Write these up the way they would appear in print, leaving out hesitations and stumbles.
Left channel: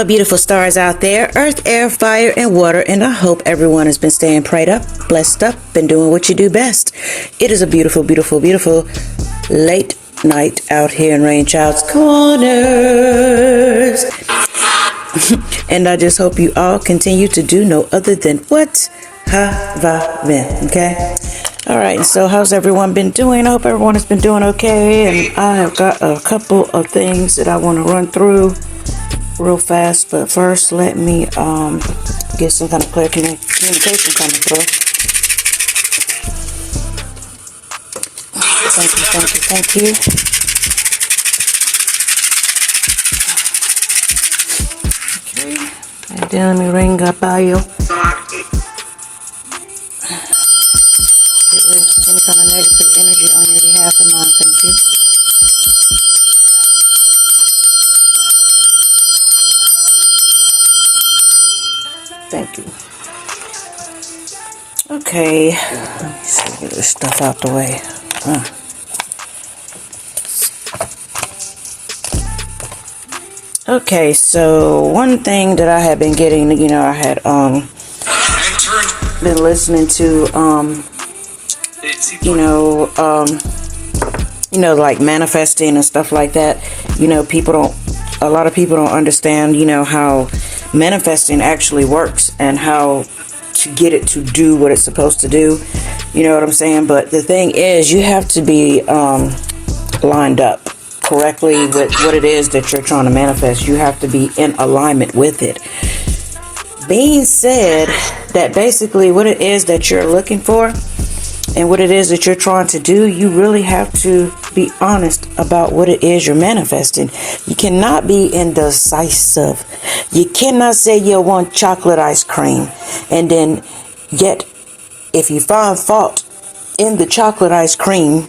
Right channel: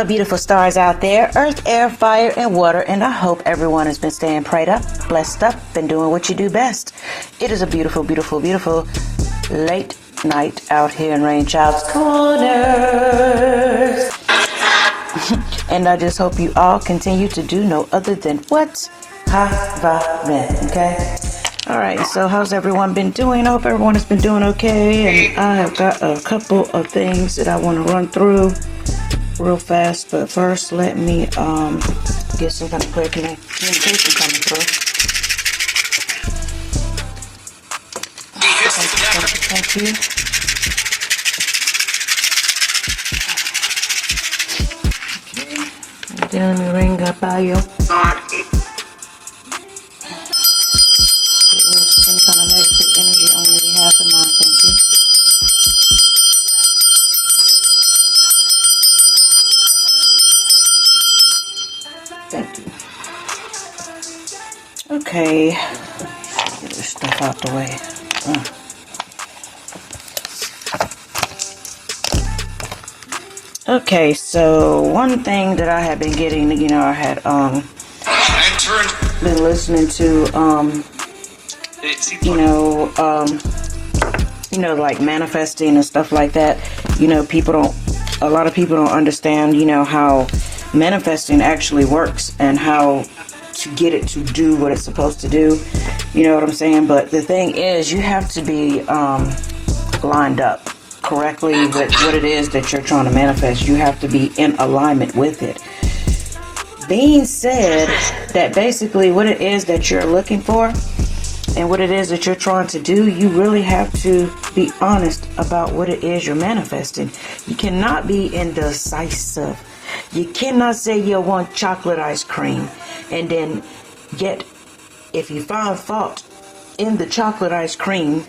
Hello, beautiful stars out there, earth, air, fire, and water, and I hope everyone has been staying prayed up, blessed up, and doing what you do best. It is a beautiful, beautiful, beautiful late night out here in Rain Child's Kornerz. And I just hope you all continue to do no other than what? Have been, okay? All right, so how's everyone been doing? I hope everyone has been doing okay, and I have got a couple of things that I want to run through real fast, but first let me get some kind of clear communication coming through. Thank you. Okay, and then let me ring up by you. Get rid of any kind of negative energy on your behalf and mine, thank you. Thank you. Okay, let's get this stuff out the way. Okay, so one thing that I had been getting, I had been listening to like manifesting and stuff like that. A lot of people don't understand, how manifesting actually works and how to get it to do what it's supposed to do. You know what I'm saying? But the thing is, you have to be lined up correctly with what it is that you're trying to manifest. You have to be in alignment with it. Being said that basically what it is that you're looking for and what it is that you're trying to do, you really have to be honest about what it is you're manifesting. You cannot be indecisive. You cannot say you want chocolate ice cream and then yet if you find fault in the chocolate ice cream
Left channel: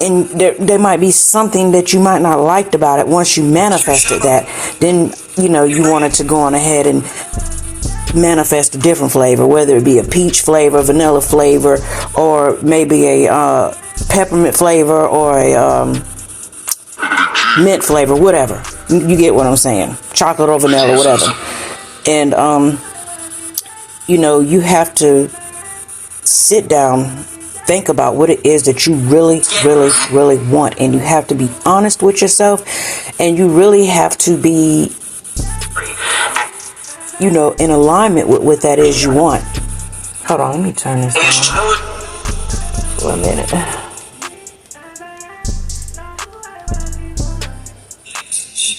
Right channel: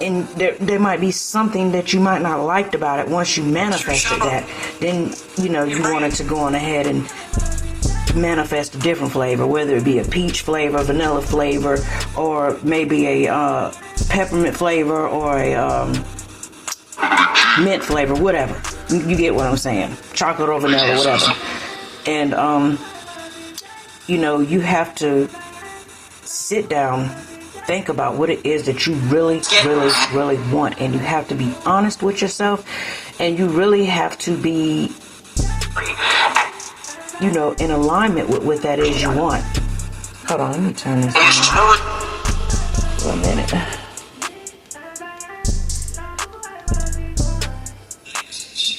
and there might be something that you might not liked about it once you manifested that, then you wanted to go on ahead and manifest a different flavor, whether it be a peach flavor, vanilla flavor, or maybe a peppermint flavor or a mint flavor, whatever. You get what I'm saying. Chocolate or vanilla, whatever. And you have to sit down, think about what it is that you really, really, really want, and you have to be honest with yourself, and you really have to be in alignment with what that is you want. Hold on, let me turn this on for a minute.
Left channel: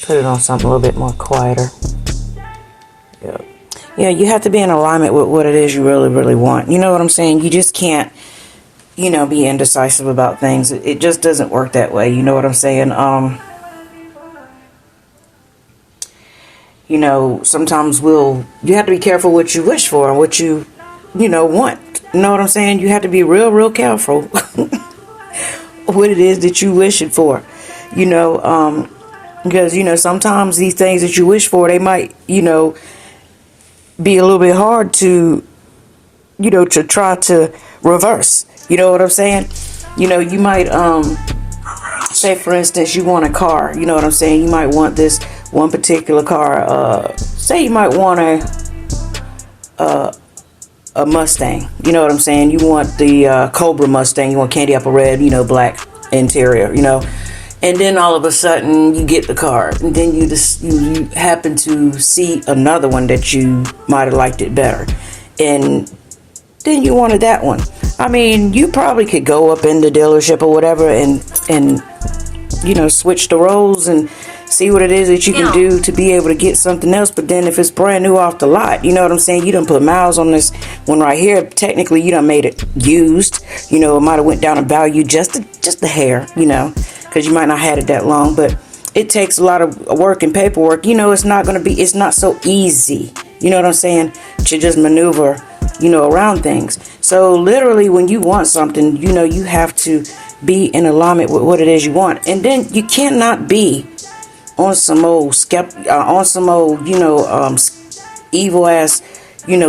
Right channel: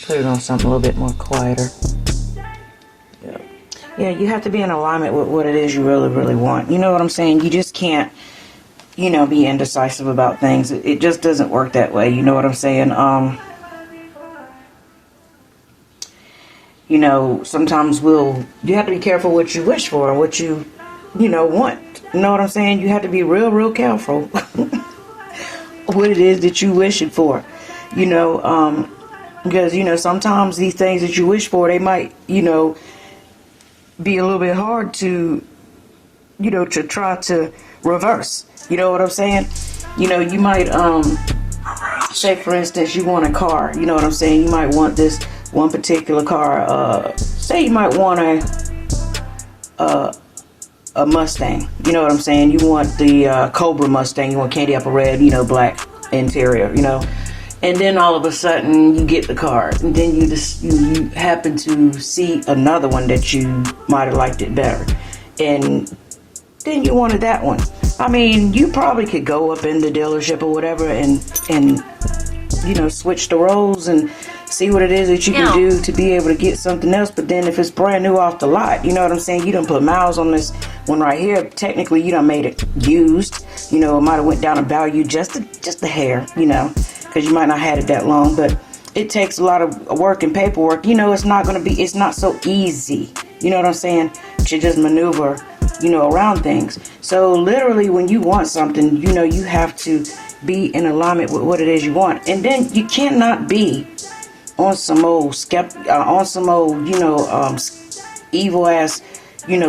Put it on something a little bit more quieter. Yeah, you have to be in alignment with what it is you really, really want. You know what I'm saying? You just can't, be indecisive about things. It just doesn't work that way. You know what I'm saying? Sometimes you have to be careful what you wish for and what you, want. You know what I'm saying? You have to be real, real careful what it is that you wish it for, because, sometimes these things that you wish for, they might, be a little bit hard to, to try to reverse. You know what I'm saying? You might, say for instance, you want a car. You know what I'm saying? You might want this one particular car. Say you might want a Mustang. You know what I'm saying? You want the Cobra Mustang. You want candy apple red, black interior, And then all of a sudden you get the car, and then you happen to see another one that you might have liked it better, and then you wanted that one. I mean, you probably could go up in the dealership or whatever and switch the roles and see what it is that you can do to be able to get something else. But then if it's brand new off the lot, you know what I'm saying? You done put miles on this one right here. Technically, you done made it used. It might have went down in value just a hair, because you might not had it that long. But it takes a lot of work and paperwork. It's not so easy. You know what I'm saying? To just maneuver, around things. So literally when you want something, you have to be in alignment with what it is you want. And then you cannot be on some old evil ass,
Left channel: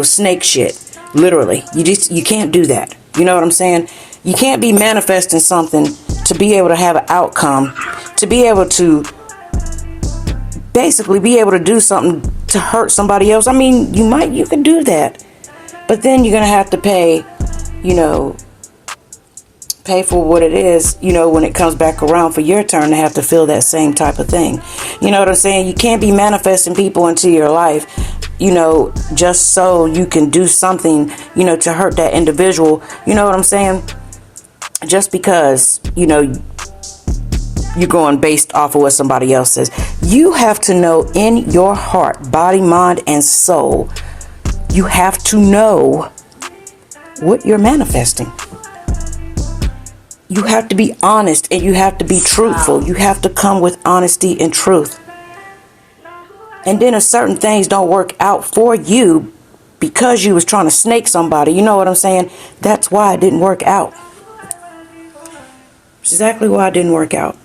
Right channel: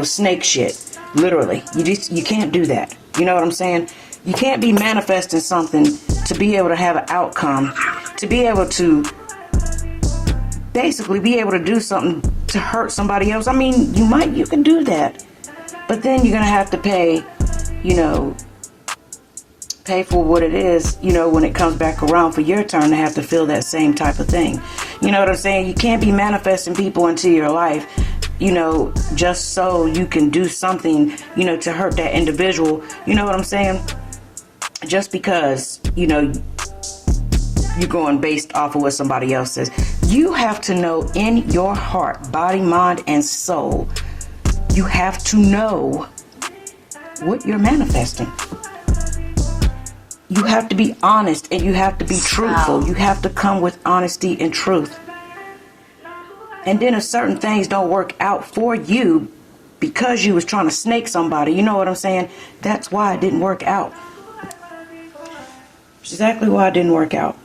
snake shit. Literally. You can't do that. You know what I'm saying? You can't be manifesting something to be able to have an outcome, to be able to basically be able to do something to hurt somebody else. I mean, you can do that, but then you're gonna have to pay, pay for what it is, when it comes back around for your turn to have to feel that same type of thing. You know what I'm saying? You can't be manifesting people into your life, just so you can do something, to hurt that individual. You know what I'm saying? Just because, you're going based off of what somebody else says. You have to know in your heart, body, mind, and soul, you have to know what you're manifesting. You have to be honest and you have to be truthful. You have to come with honesty and truth. And then if certain things don't work out for you because you was trying to snake somebody, you know what I'm saying? That's why it didn't work out. Exactly why it didn't work out.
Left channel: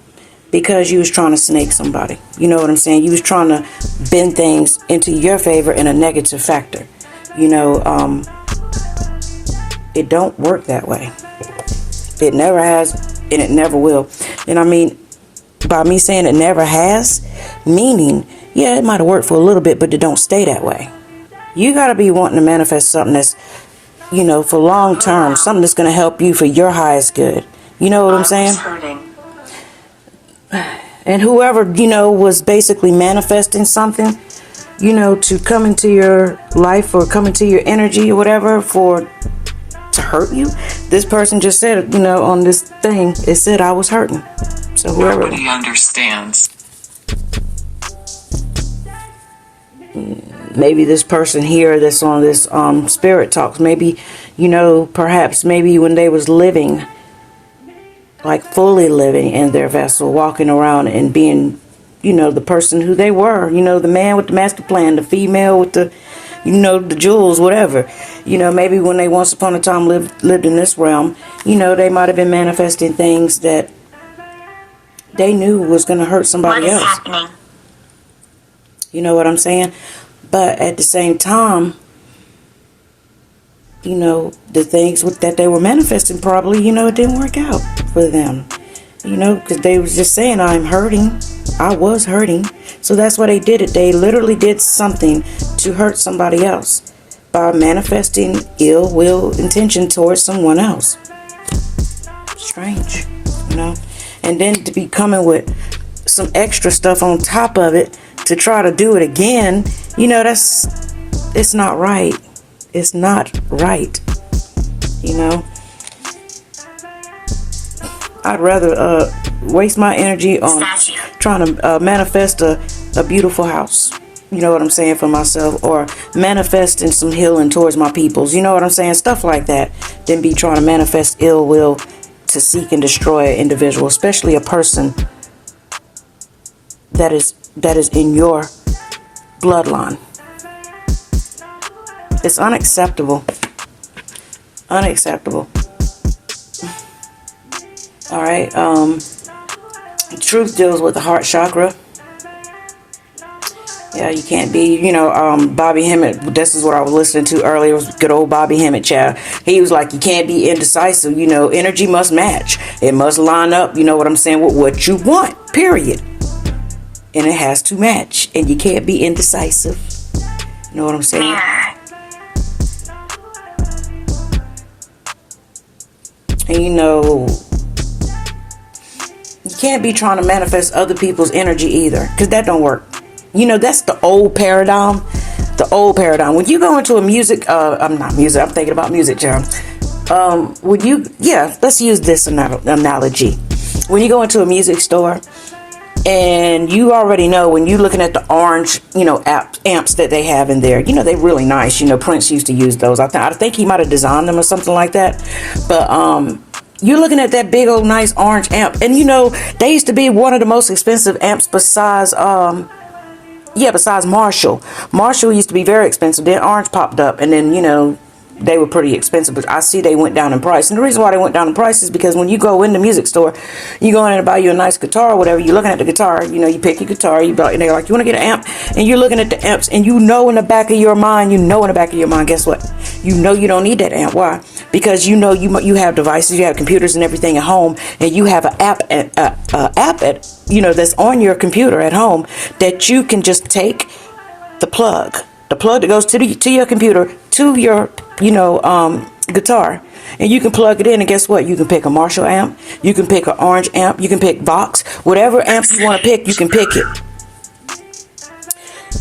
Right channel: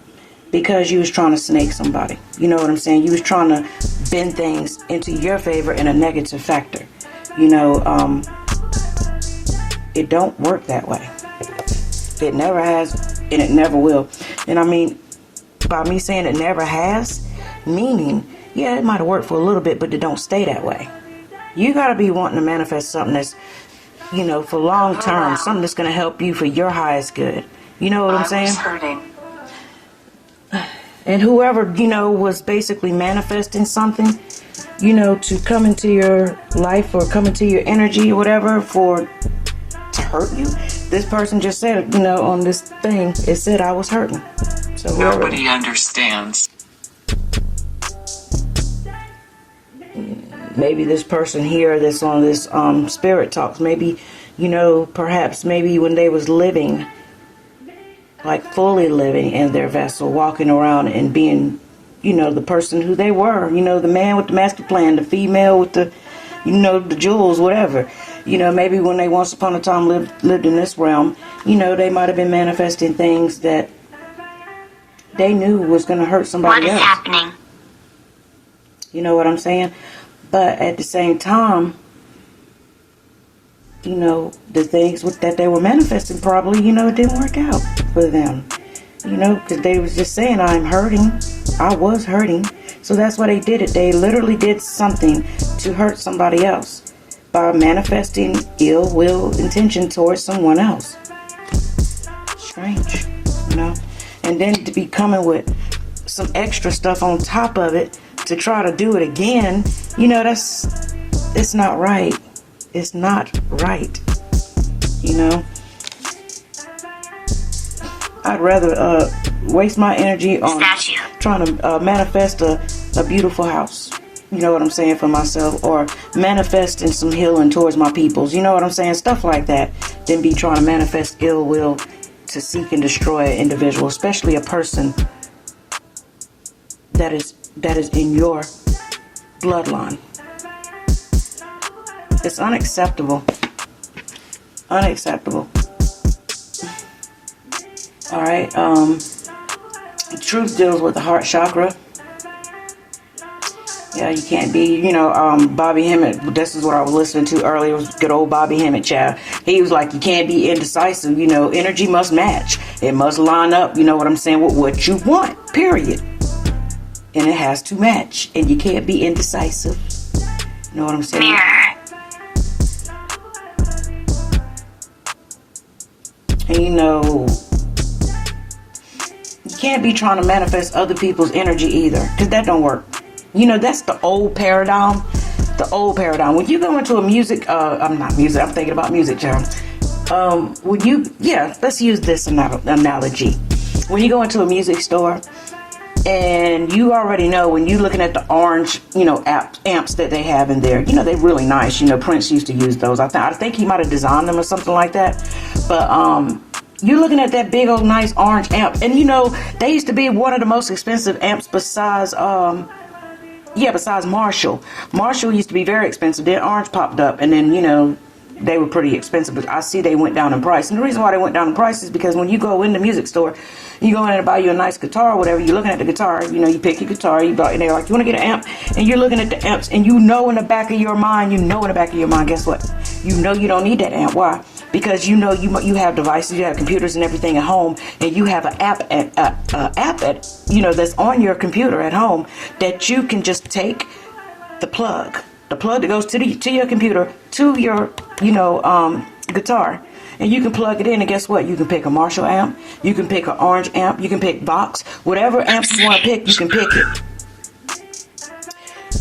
Because you was trying to snake somebody. You know what I'm saying? You was trying to bend things into your favor in a negative factor. It don't work that way. It never has, and it never will. And I mean, by me saying it never has, meaning, yeah, it might have worked for a little bit, but it don't stay that way. You got to be wanting to manifest something that's, for long term, something that's going to help you for your highest good. You know what I'm saying? I was hurting. And whoever, was basically manifesting something, to come into your life or come into your energy or whatever to hurt you. This person just said, on this thing, it said I was hurting. So nobody understands. Maybe this person here that's on this spirit talks, maybe, perhaps maybe when they was living, like fully living in their vessel, walking around and being, the person who they were, the man with the master plan, the female with the, the jewels, whatever. Maybe when they once upon a time lived in this realm, they might have been manifesting things that they knew was going to hurt somebody else. What is happening? You know what I'm saying? But at the same time, the things that they were manifesting probably, it didn't work out for them. Because they was just saying, I'm hurting. I was hurting. So that's why they did it. They literally did something to hurt somebody else by manifesting ill will intention towards someone else. Strange, And then to be coming with some extra stuff on top of it to try to do it again, it's not right. It's not right. I'd rather waste my energy on trying to manifest a beautiful house. You know what I'm saying, for myself, or manifesting some healing towards my peoples. You know what I'm saying? Stuff like that. Than be trying to manifest ill will to seek and destroy an individual, especially a person that is in your bloodline. It's unacceptable. Unacceptable. All right. Truth deals with the heart chakra. Yeah, you can't be, Bobby Hemmett. This is what I was listening to earlier. It was good old Bobby Hemmett, child. He was like, you can't be indecisive. Energy must match. It must line up, what I'm saying, with what you want, period. And it has to match. And you can't be indecisive. You know what I'm saying? And you can't be trying to manifest other people's energy either, because that don't work. That's the old paradigm. The old paradigm. When you go into a music, I'm thinking about music, John. Let's use this analogy. When you go into a music store, and you already know when you're looking at the orange, amps that they have in there, they're really nice. Prince used to use those. I think he might have designed them or something like that. But you're looking at that big old nice orange amp, and they used to be one of the most expensive amps besides besides Marshall. Marshall used to be very expensive. Then Orange popped up, and then they were pretty expensive, but I see they went down in price. And the reason why they went down in price is because when you go in the music store, you go in and buy you a nice guitar or whatever, you're looking at the guitar, you know, you pick your guitar, and they're like, you want to get an amp? And you're looking at the amps, and you know in the back of your mind, guess what? You know you don't need that amp. Why? Because you know you have devices, you have computers and everything at home, and you have an app at you know, that's on your computer at home that you can just take the plug that goes to your computer, to your, you know, guitar, and you can plug it in, and guess what? You can pick a Marshall amp, you can pick an orange amp, you can pick Vox, whatever amps you want to pick, you can pick it.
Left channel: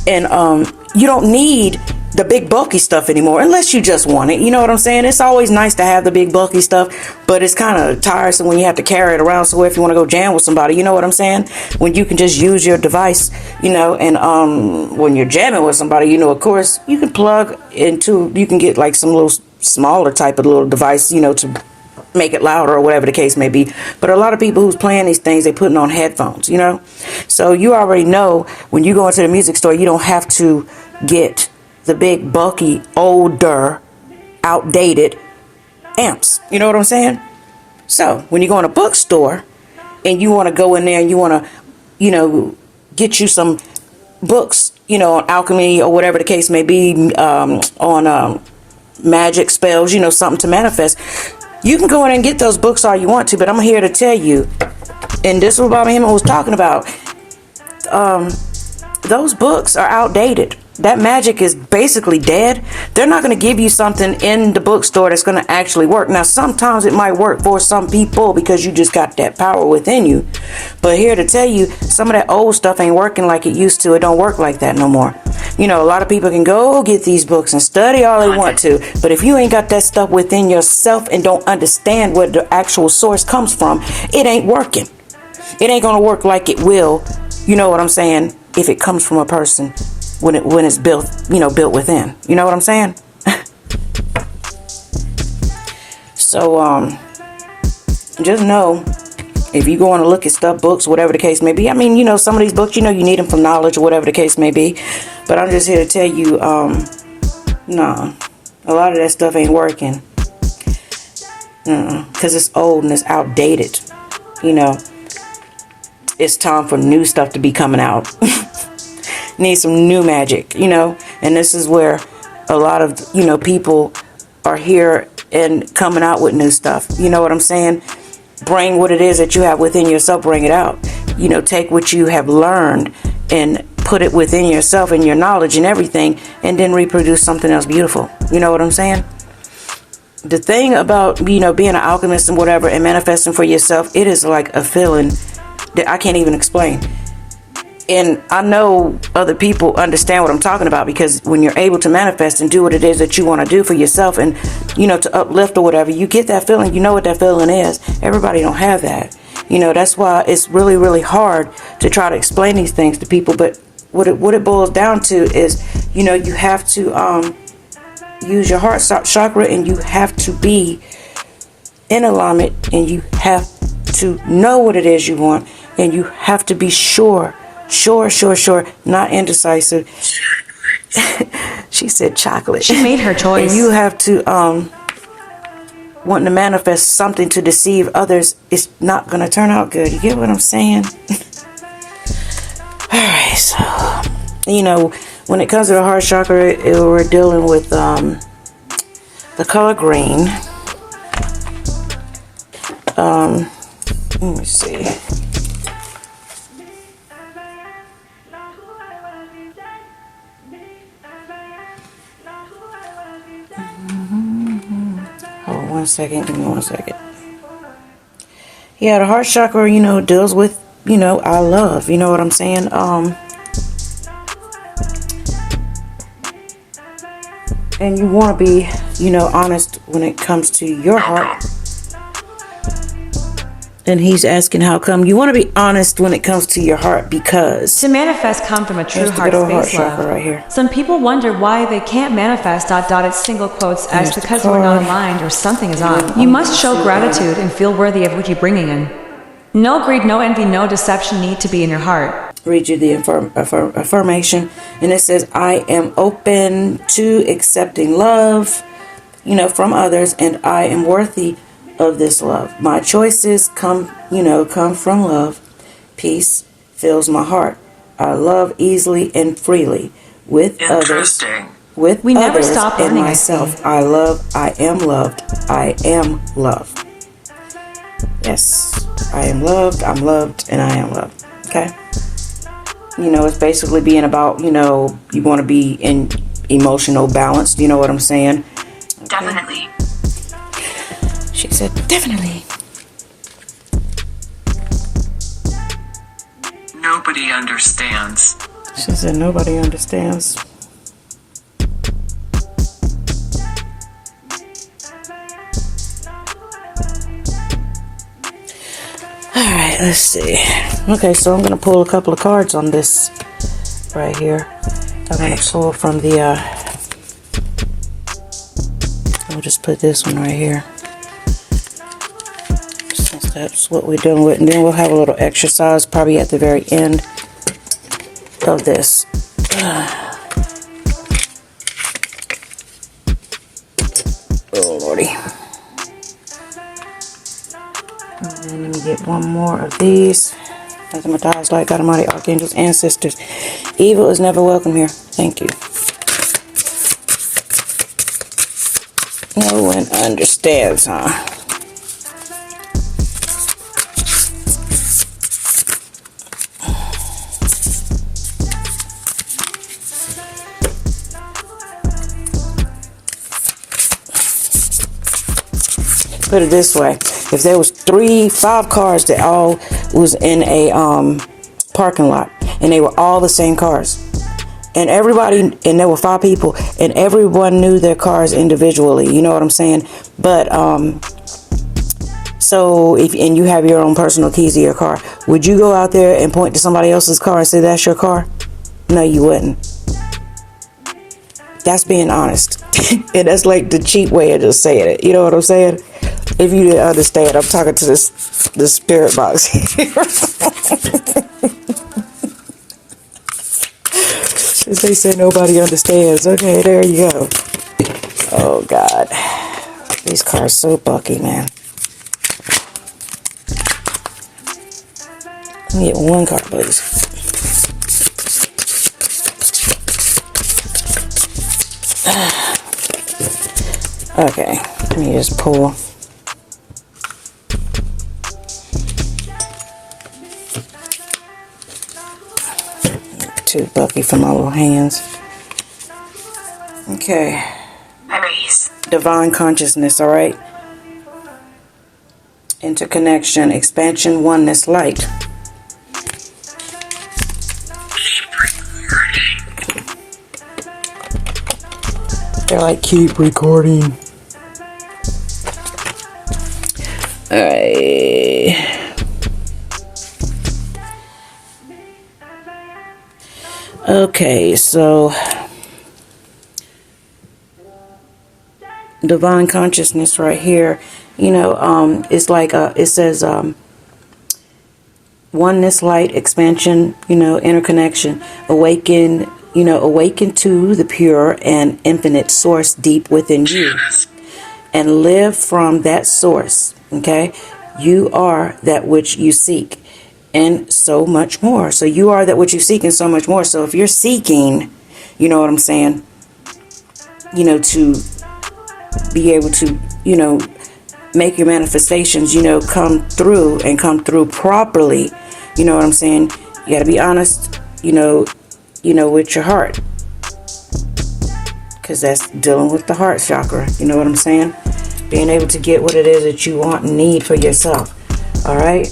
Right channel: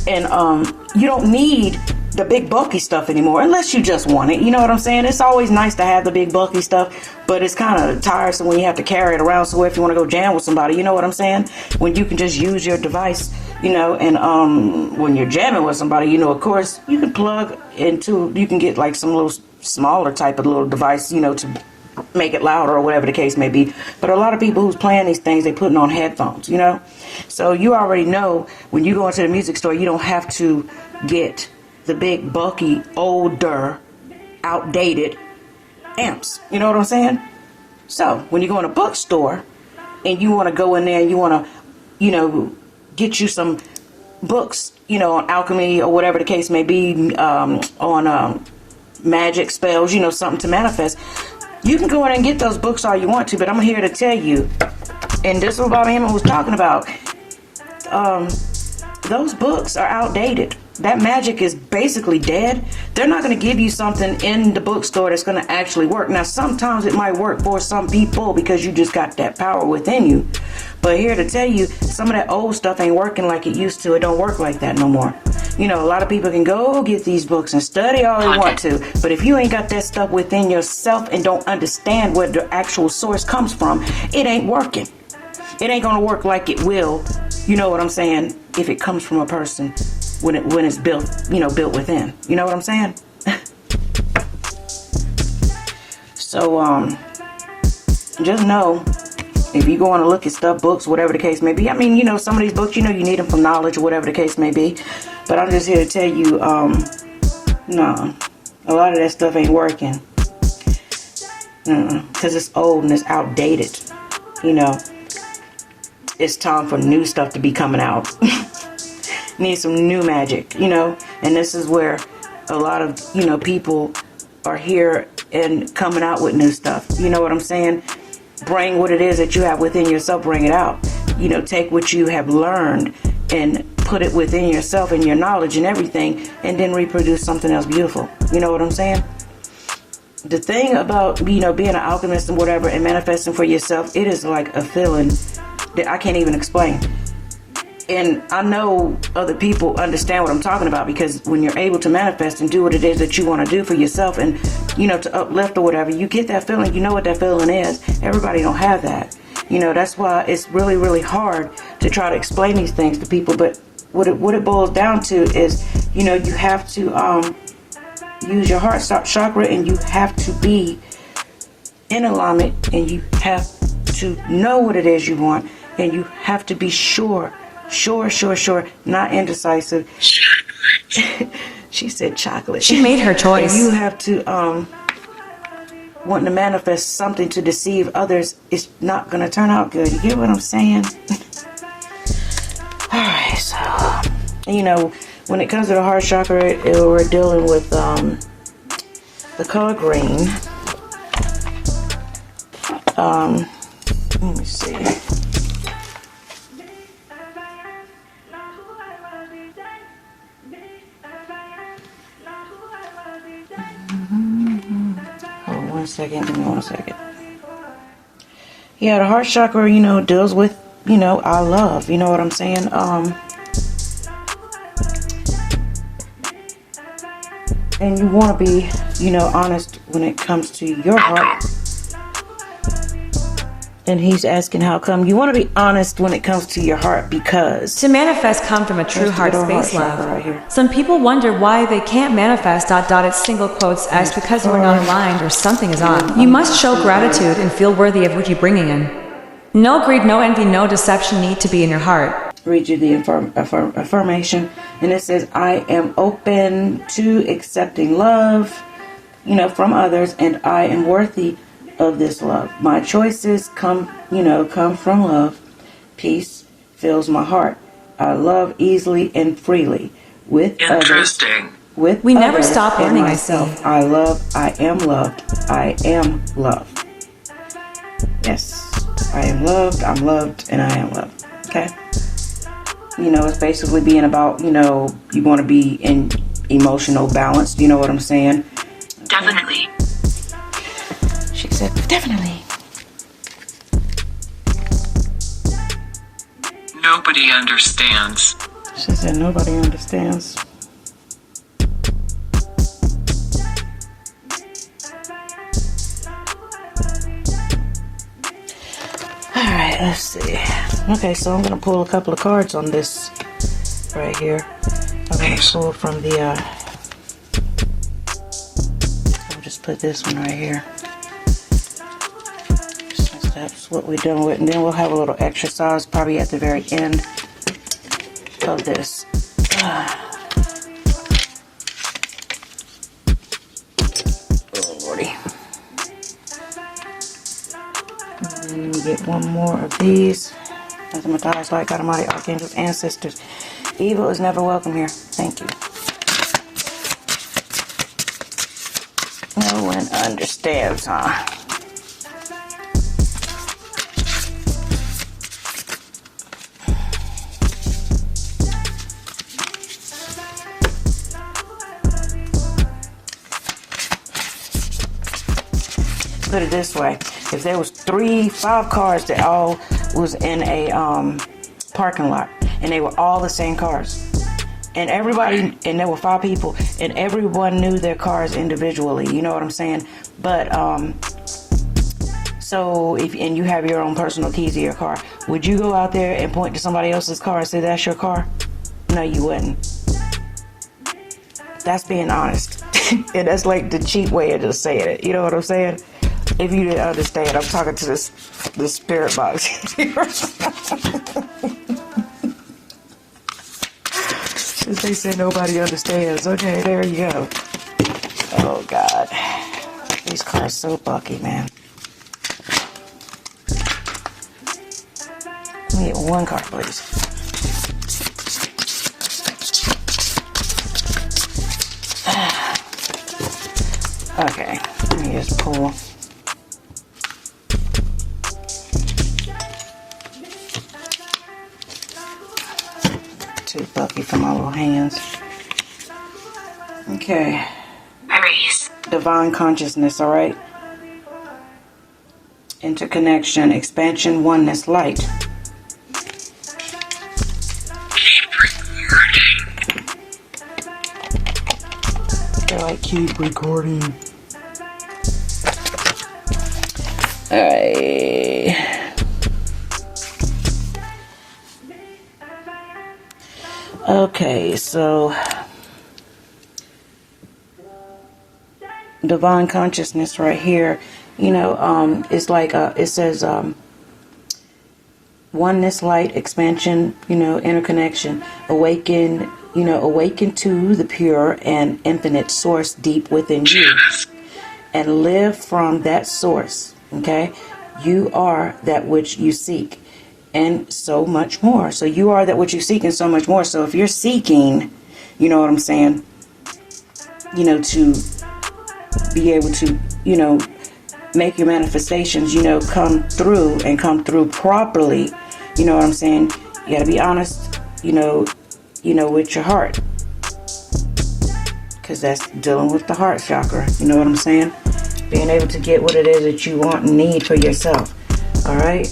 And you don't need the big bulky stuff anymore, unless you just want it. You know what I'm saying? It's always nice to have the big bulky stuff, but it's kind of tiresome when you have to carry it around somewhere if you want to go jam with somebody. You know what I'm saying? When you can just use your device, you know, and when you're jamming with somebody, you know, of course, you can plug into, you can get like some little smaller type of little device, you know, to make it louder or whatever the case may be. But a lot of people who's playing these things, they putting on headphones, you know. So you already know when you go into the music store, you don't have to get the big, bulky, older, outdated amps. You know what I'm saying? So when you go in a bookstore and you want to go in there and you want to, you know, get you some books, you know, on alchemy or whatever the case may be, on magic spells, you know, something to manifest, you can go in and get those books all you want to. But I'm here to tell you, and this was Bobby Hemming was talking about, those books are outdated. That magic is basically dead. They're not going to give you something in the bookstore that's going to actually work. Now, sometimes it might work for some people because you just got that power within you. But here to tell you, some of that old stuff ain't working like it used to. It don't work like that no more. You know, a lot of people can go get these books and study all they want to. But if you ain't got that stuff within yourself and don't understand where the actual source comes from, it ain't working. It ain't going to work like it will. You know what I'm saying? If it comes from a person when it's built, you know, built within. You know what I'm saying? So, just know, if you go on to look at stuff, books, whatever the case may be. I mean, you know, some of these books, you know, you need them for knowledge or whatever the case may be. But I'm just here to tell you, no, a lot of that stuff ain't working. Because it's old and it's outdated. You know, it's time for new stuff to be coming out. Need some new magic, you know. And this is where a lot of, you know, people are here and coming out with new stuff. You know what I'm saying? Bring what it is that you have within yourself, bring it out. You know, take what you have learned and put it within yourself and your knowledge and everything, and then reproduce something else beautiful. You know what I'm saying? The thing about, you know, being an alchemist and whatever and manifesting for yourself, it is like a feeling that I can't even explain. And I know other people understand what I'm talking about, because when you're able to manifest and do what it is that you want to do for yourself and, you know, to uplift or whatever, you get that feeling. You know what that feeling is. Everybody don't have that. You know, that's why it's really, really hard to try to explain these things to people. But what it boils down to is, you know, you have to use your heart chakra, and you have to be in alignment, and you have to know what it is you want, and you have to be sure, not indecisive. She said chocolate. She made her choice. And you have to wanting to manifest something to deceive others. It's not going to turn out good. You get what I'm saying? All right, so, you know, when it comes to the heart chakra, we're dealing with the color green. Let me see. Hold on 1 second. Give me 1 second. Yeah, the heart chakra, you know, deals with, you know, our love. You know what I'm saying? And you want to be, you know, honest when it comes to your heart. And he's asking how come. You want to be honest when it comes to your heart, because to manifest come from a true heart space love. Right here. Some people wonder why they can't manifest ... It's single quotes as because we're not aligned or something is off. You must show gratitude and feel worthy of what you're bringing in. No greed, no envy, no deception need to be in your heart. Read you the affirmation, and it says, I am open to accepting love. from others, and I am worthy of this love. My choices come from love. Peace fills my heart. I love easily and freely with others. With We never others stop and learning, I myself. see. I am loved. I am love. Yes, I am loved, I'm loved, and I am loved. Okay? It's basically being about, you want to be in emotional balance. You know what I'm saying? Okay. Definitely. She said, definitely. Nobody understands. She said, nobody understands. Alright, let's see. Okay, so I'm going to pull a couple of cards on this right here. I'm going to pull from the, I'll just put this one right here, since that's what we're done with. And then we'll have a little exercise probably at the very end of this. Oh, Lordy. And then let me get one more of these. Mathematics, like God Almighty, archangels, ancestors. Evil is never welcome here. Thank you. No one understands, huh? Put it this way. If there was 5 cars that all was in a parking lot, and they were all the same cars, and there were 5 people, and everyone knew their cars individually, you know what I'm saying? But so if you have your own personal keys to your car, would you go out there and point to somebody else's car and say that's your car? No, you wouldn't. That's being honest. And that's like the cheap way of just saying it. You know what I'm saying? If you didn't understand, I'm talking to the spirit box here. Since they said nobody understands. Okay, there you go. Oh, God. These cars so bucky, man. Let me get one card, please. Okay, let me just pull. Too bucky for my little hands. Okay. Aries. Divine consciousness, alright? Interconnection, expansion, oneness, light. They're like, keep recording. Alright. Okay, so divine consciousness right here, it's like it says oneness, light, expansion, interconnection, awaken to the pure and infinite source deep within you, and live from that source. Okay, you are that which you seek, and so much more. So you are that which you seek, and so much more. So if you're seeking, you know what I'm saying, to be able to, make your manifestations, come through and come through properly. You know what I'm saying? You got to be honest, with your heart, because that's dealing with the heart chakra. You know what I'm saying? Being able to get what it is that you want and need for yourself. All right.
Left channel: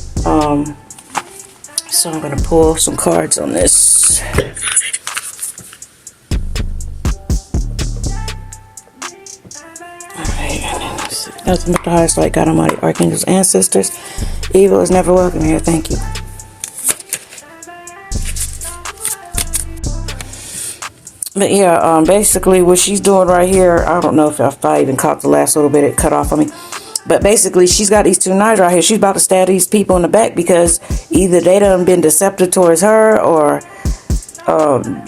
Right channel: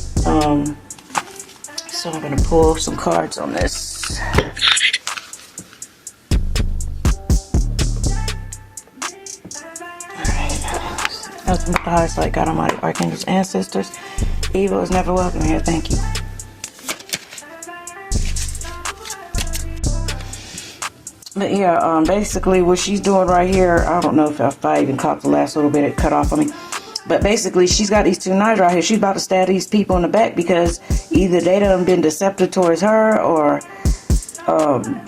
So I'm going to pull some cards on this. Nothing but the highest light, God Almighty, archangels, ancestors. Evil is never welcome here. Thank you. But yeah, basically what she's doing right here, I don't know if I even caught the last little bit it cut off on me. But basically she's got these 2 knives right here. She's about to stab these people in the back because either they done been deceptive towards her, or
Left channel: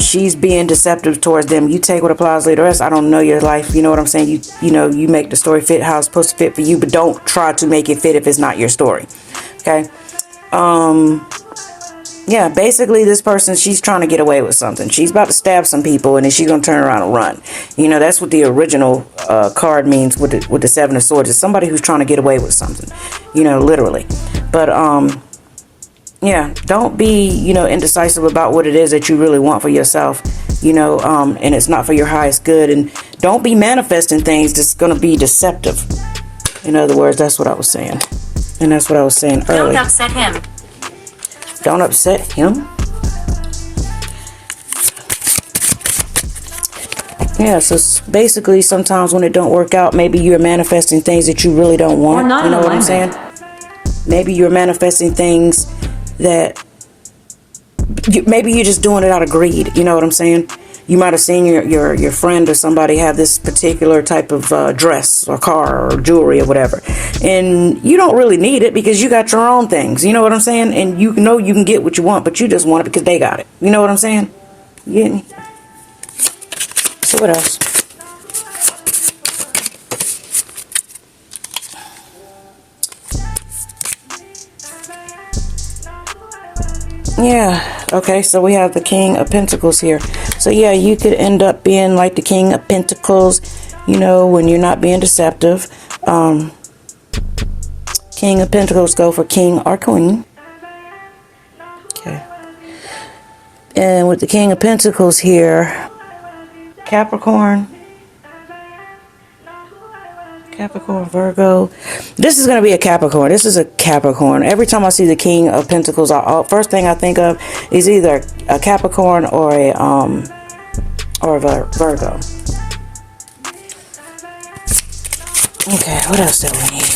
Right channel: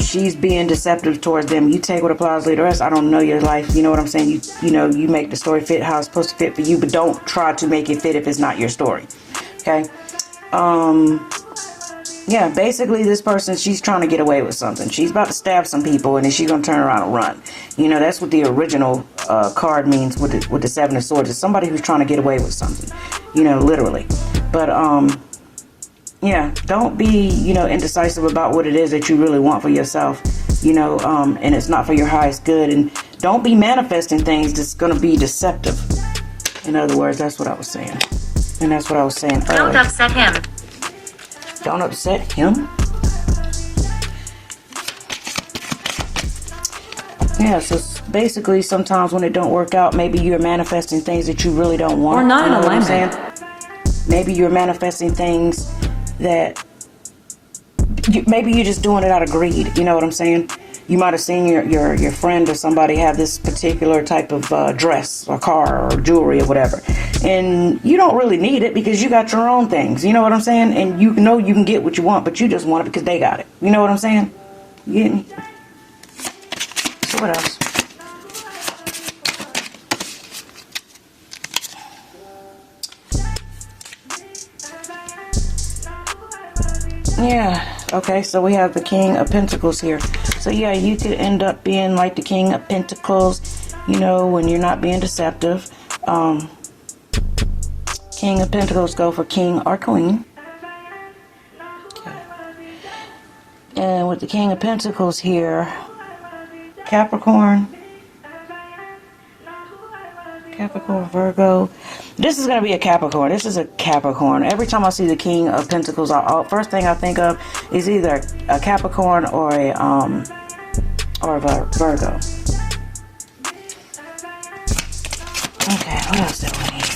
she's being deceptive towards them. You take what applies to the rest. I don't know your life. You know what I'm saying? You know, you make the story fit how it's supposed to fit for you, but don't try to make it fit if it's not your story. Okay. Yeah, basically this person, she's trying to get away with something. She's about to stab some people, and then she's going to turn around and run. You know, that's what the original card means with the Seven of Swords. It's somebody who's trying to get away with something, you know, literally. But, yeah, don't be, you know, indecisive about what it is that you really want for yourself, you know, and it's not for your highest good. And don't be manifesting things that's going to be deceptive. In other words, that's what I was saying. And that's what I was saying earlier. Don't upset him. Don't upset him? Yeah, so basically sometimes when it don't work out, maybe you're manifesting things that you really don't want. Or not in you know alignment. What I'm saying? Maybe you're manifesting things that maybe you're just doing it out of greed. You know what I'm saying? You might have seen your friend or somebody have this particular type of dress or car or jewelry or whatever. And you don't really need it because you got your own things. You know what I'm saying? And you know you can get what you want, but you just want it because they got it. You know what I'm saying? Yeah. So what else? Yeah, okay, so we have the King of Pentacles here. So yeah, you could end up being like the King of Pentacles, you know, when you're not being deceptive. King of Pentacles go for king or queen. Okay. And with the King of Pentacles here, Capricorn, Virgo. This is going to be a Capricorn. This is a Capricorn. Every time I see the King of Pentacles, first thing I think of is either a Capricorn or a Virgo. Okay, what else do we need?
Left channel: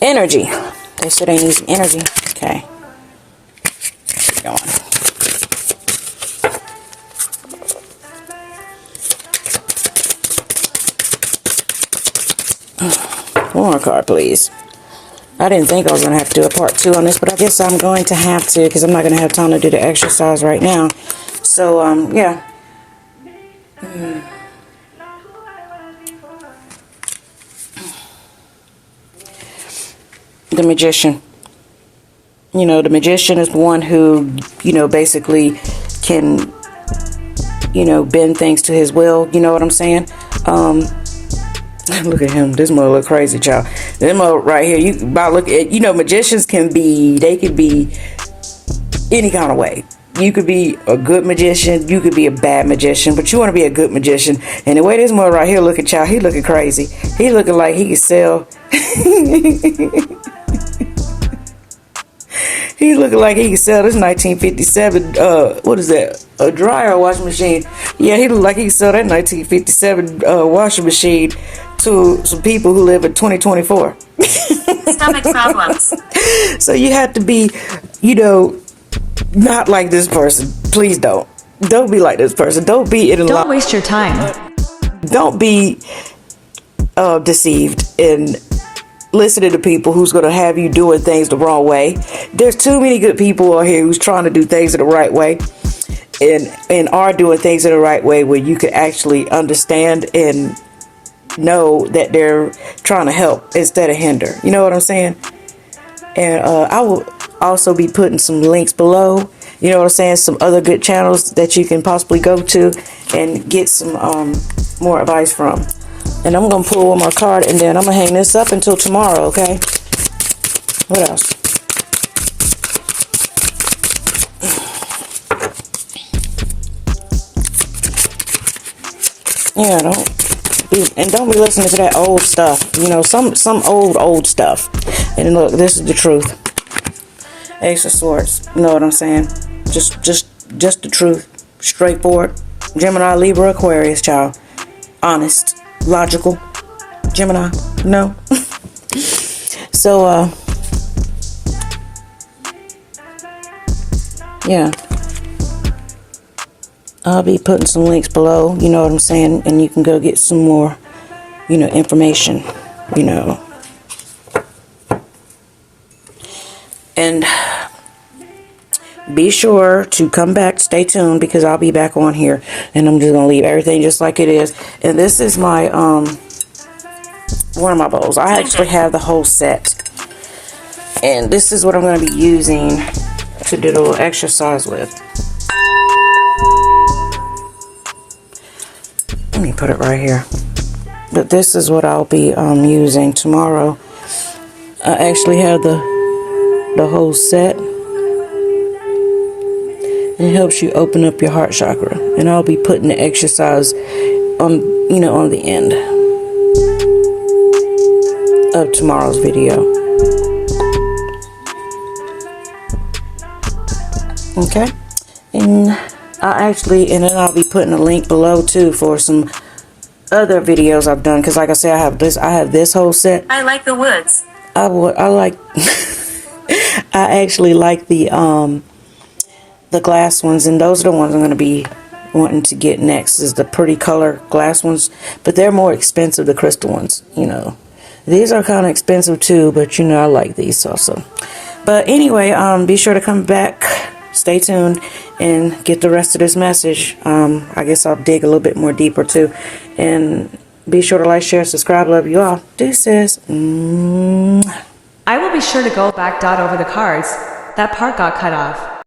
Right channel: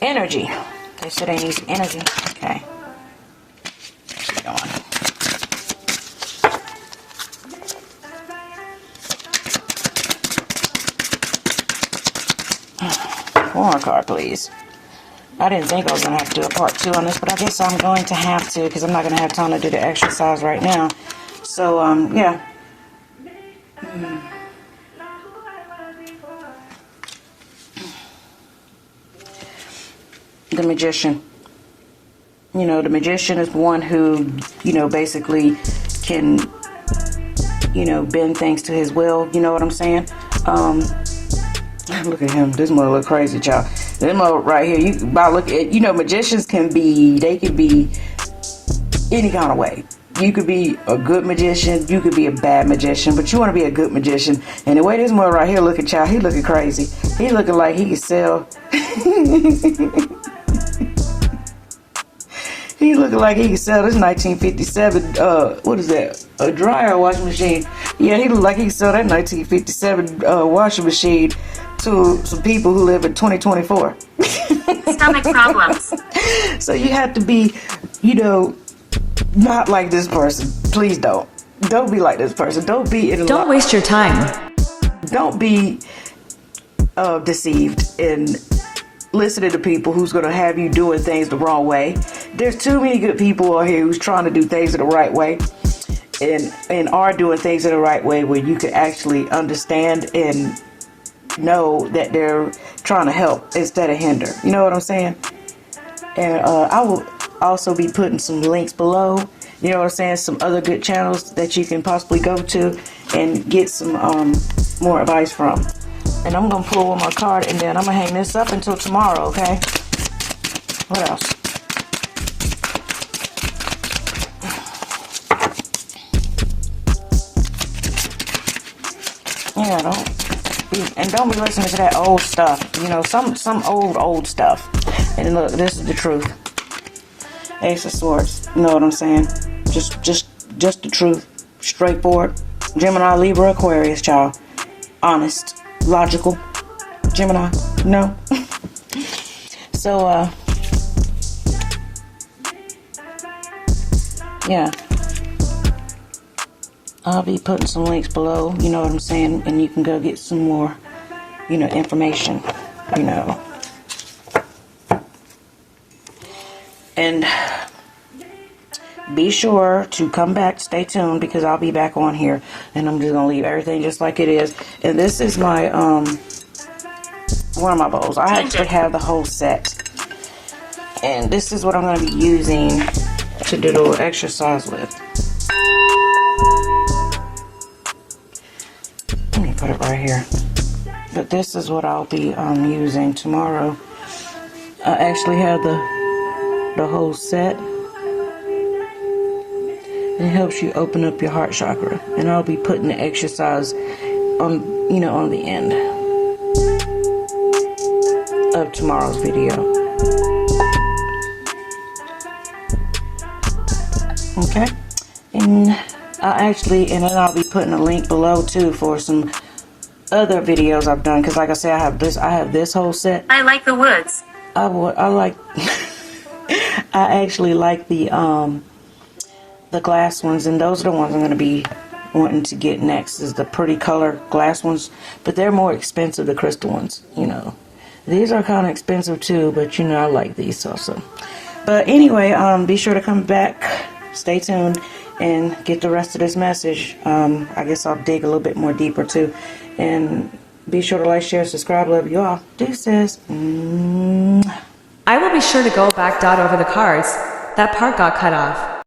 Energy. They said they need some energy. Okay. Keep going. One more card, please. I didn't think I was going to have to do a part 2 on this, but I guess I'm going to have to because I'm not going to have time to do the exercise right now. So, yeah. The Magician. You know, the Magician is one who, you know, basically can, you know, bend things to his will. You know what I'm saying? Look at him. This mother look crazy, child. This mother right here, you about look at, you know, magicians can be any kind of way. You could be a good magician, you could be a bad magician, but you want to be a good magician. And the way this mother right here looking, child, he looking crazy. He looking like he could sell. He looking like he could sell this 1957, what is that? A dryer or washing machine. Yeah, he look like he could sell that 1957 washing machine to some people who live in 2024. Stomach problems. So you have to be, you know, not like this person. Please don't. Don't be like this person. Don't be in a Don't waste your time. Don't be deceived and listening to people who's going to have you doing things the wrong way. There's too many good people out here who's trying to do things in the right way and are doing things in the right way where you can actually understand and know that they're trying to help instead of hinder. You know what I'm saying? And I will also be putting some links below. You know what I'm saying? Some other good channels that you can possibly go to and get some more advice from. And I'm going to pull one more card and then I'm going to hang this up until tomorrow, okay? What else? Yeah, don't be listening to that old stuff. You know, some old stuff. And look, this is the truth. Ace of Swords. You know what I'm saying? Just the truth. Straightforward. Gemini, Libra, Aquarius, child. Honest. Logical. Gemini. No. So, yeah. I'll be putting some links below, you know what I'm saying? And you can go get some more, you know, information, you know. And be sure to come back, stay tuned, because I'll be back on here, and I'm just gonna leave everything just like it is. And this is my one of my bowls. I actually have the whole set, and this is what I'm going to be using to do a little exercise with. Let me put it right here. But this is what I'll be using tomorrow. I actually have the whole set. It helps you open up your heart chakra, and I'll be putting the exercise on, you know, on the end of tomorrow's video. Okay, and and then I'll be putting a link below too for some other videos I've done, because like I said, I have this whole set. I like the woods. I like I actually like the glass ones, and those are the ones I'm going to be wanting to get next, is the pretty color glass ones, but they're more expensive, the crystal ones, you know. These are kind of expensive too, but you know, I like these also. But anyway, be sure to come back, stay tuned, and get the rest of this message. I guess I'll dig a little bit more deeper too. And be sure to like, share, subscribe. Love you all. Deuces. I will be sure to go back. Over the cards. That part got cut off.